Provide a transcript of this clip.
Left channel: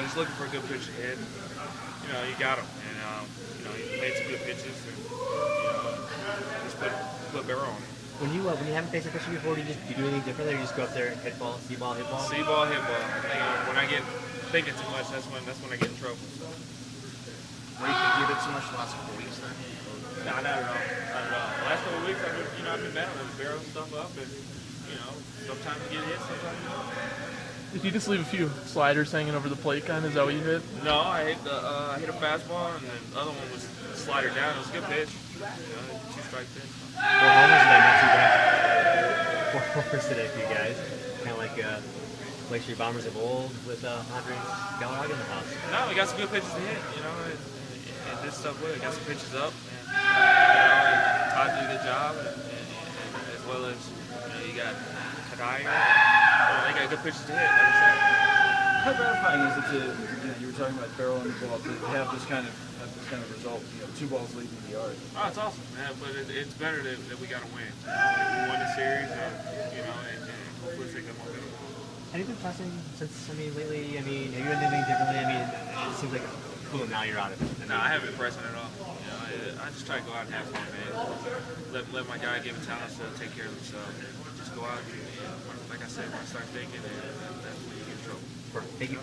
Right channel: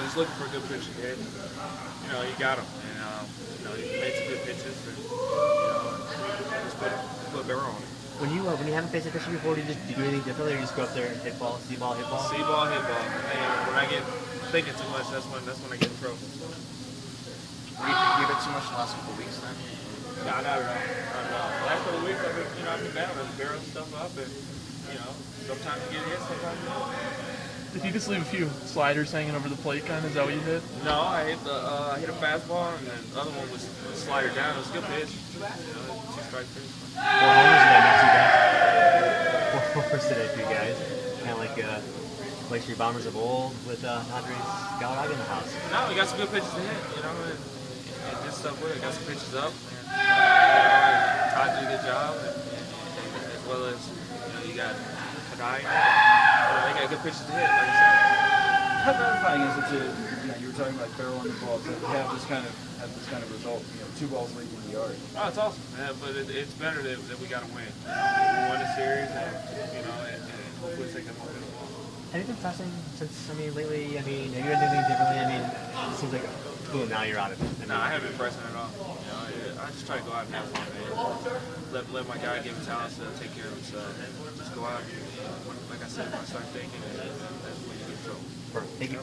just looking for a good pitch to hit. You got him, and he made some good pitches, and just put barrel on it. When you haven't faced a pitcher before, do you do anything differently, or you just go up there and hit ball, see ball, hit ball? See ball, hit ball. When I get thinking too much, that's when I get in trouble. So. What do you think you did too much the last couple of weeks? Nah, not at all. Not at all. The last couple of weeks, I've been down and barreling stuff up, and sometimes you get hit, sometimes you don't. If you just leave a few sliders hanging over the plate, kind of, is that what you hit? No, I hit a fastball, and then the other one was a slider down. It was a good pitch. 2-strike pitch. 4 homers today, not too bad. 4 homers today for you guys. Kind of like your Bombers of old with Andres Galarraga in the house. No, we got some good pitches to hit, and did stuff with it. Got some pitches up, and Todd did a good job, and as well as you got Kadaya. They got good pitches to hit, like I said. How gratifying is it to, you were talking about barrel on the ball, to have this kind of result, 2 balls leaving the yard? Oh, it's awesome, man, but it's better that we got to win. We won the series, and hopefully take that momentum. Anything pressing since, lately? Have you done anything differently? It seems like, boom, now you're out of it. No, I haven't been pressing at all. I just try to go out and have fun, man. Let my guy give a talent to take care of himself. Just go out and like I said, when I start thinking, that's when you get in trouble. Perfect. Thank you.